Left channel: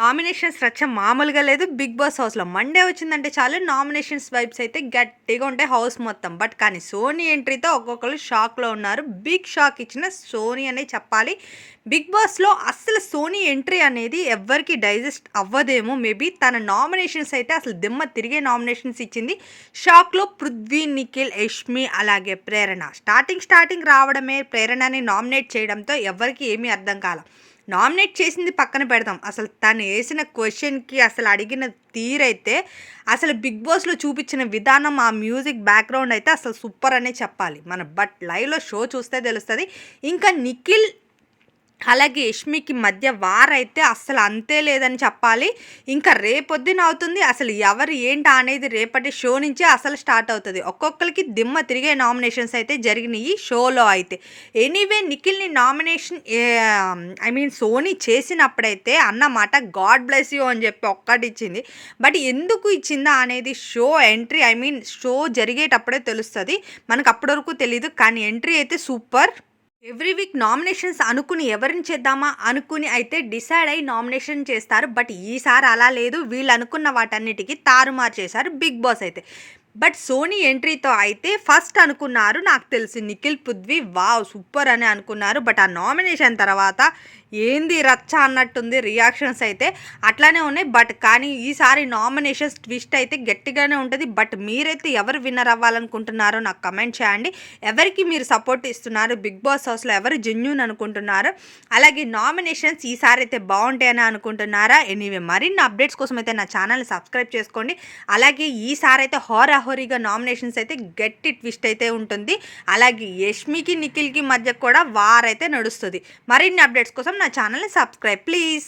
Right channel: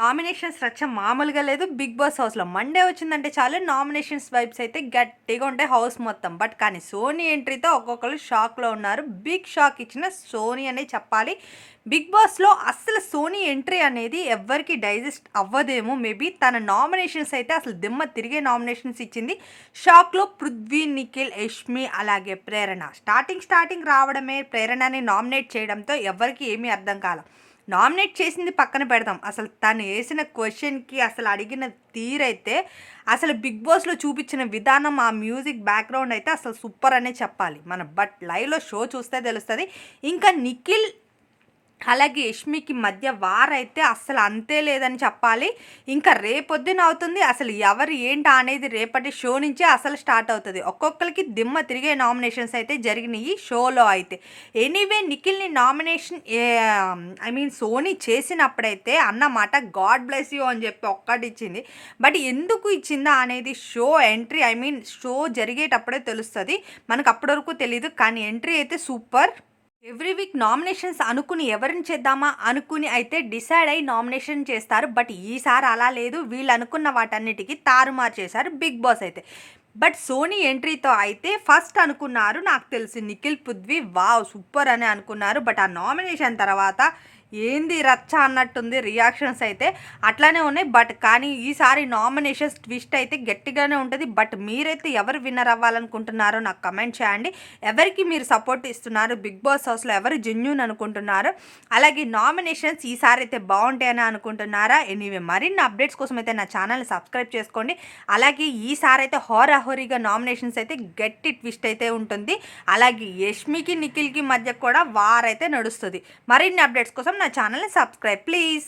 Nominations రచ్చ మామూలుగా లేదు. బిగ్ బాస్ హౌస్లో మండే వచ్చిందంటే చాలు. నామినేషన్స్ వైబ్స్ అయితే గట్టిగా ఉంటాయి హౌస్ మొత్తం. బట్ కానీ సోనీ ఎంట్రీతో ఒక్కొక్కరు షాక్లో ఉన్నారు. బిగ్ షాక్ ఇచ్చిన సోనీ అనే చెప్పాలి. బిగ్ బాస్లో అసలు సోనీ ఎంట్రీ అనేది ఎవ్వరికి డైజెస్ట్ అవ్వదేమో. మేబీ తన నామినేషన్స్ అయితే అసలు దిమ్మ తిరిగే నామినేషన్స్ ఇచ్చింది. షాక్లో పృథ్వీ నిఖిల్ యష్మి అలాగే ప్రేరణ. స్టార్టింగ్ స్టార్టింగ్ రావడమే ప్రేరణని నామినేట్ చేయడంతో ఎవరికి ఏమీ అర్థం కాల. నామినేట్ చేసింది పక్కన పెడదాం. అసలు తను వేసిన క్వశ్చన్కి అసలు అడిగిన తీరైతే అసలు బిగ్ బాస్లో చూపించిన విధానం ఆ మ్యూజిక్ బ్యాక్గ్రౌండ్ అయితే అసలు సూపర్ అనే చెప్పాలి. మన బట్ లైవ్లో షో చూస్తే తెలుస్తుంది. ఇంకా నిఖిల్ అలాగే యష్మికి మధ్య వార్ అయితే అస్సలు అంతే లేదని చెప్పాలి. ఇంకా రేపొద్దున అవుతుంది. అసలు ఎవరు ఏంటా అనేది రేపటి షో నుంచే అసలు స్టార్ట్ అవుతుంది. ఒక్కొక్కరికి దిమ్మ తిరిగే నామినేషన్స్ అయితే జరిగినాయి షోలో అయితే. ఎనీవే నిఖిల్ని నామినేషన్ ఐ మీన్ సోనీ చేసినప్పుడైతే అన్నమాట గాడ్ బ్లెస్ యూ అని చెప్పి ఒక్కటి ఇచ్చింది. బట్ ఎందుకు ఇచ్చిందా అనేది show entry I mean show జరిగేటప్పుడే తెలుస్తుంది. మనకు అప్పటివరకు తెలియదు కానీ ఎంట్రీ అయితే సూపర్. ఎవ్రీ వీక్ నామినేషన్స్ అనుకుని ఎవరిని చేద్దామా అనుకుని అయితే డిసైడ్ అయ్యి నామినేషన్ చేస్తారు. బట్ ఈసారి అలా లేదు. వీళ్ళు అనుకున్న వాటన్నిటికీ తారుమారు చేశారు బిగ్ బాస్ అయితే. బట్ సోనీ ఎంట్రీతో అయితే ఫస్ట్ అనుకున్నారు. నాకు తెలిసి నిఖిల్ పుద్వి వావ్ సూపర్ అని అనుకున్నారు. బట్ ఆ నామినేషన్ తర్వాత ఏంది రచ్చ అన్నట్టుంది రియాక్షన్స్ అయితే. అట్లానే ఉన్నాయి బట్ కానీ ఈసారి నామినేషన్స్ ట్విస్ట్ అయితే గట్టిగానే ఉంటుంది. బట్ మీరైతే ఎవరు విన్నర్ అవ్వాలనుకుంటున్నారో నాకు కమెంట్ చేయండి. ఎవరికి మీరు సపోర్ట్ ఇస్తున్నారు? బిగ్ బాస్ హౌస్లో ఎవరు జెన్యున్ అనుకుంటున్నారు? అలాగే నామినేషన్స్ ఈసారి అయితే బాగుంటాయని అనుకుంటున్నారా? ఎనీవే మరిన్ని అప్డేట్స్ కోసం అయితే నా ఛానల్ని సబ్స్క్రైబ్ చేసుకోండి. అలాగే ఈసారి అయితే హోరాహోరీగా నామినేషన్స్ అయితే గట్టి ట్విస్ట్ అయితే ఉంటుంది. అలాగే యష్మికి నిఖిల్కి మధ్య కూడా వారైతే నడుస్తుంది. మరిన్ని అప్డేట్స్ కోసం నా ఛానల్ని సబ్స్క్రైబ్ ప్లీజ్.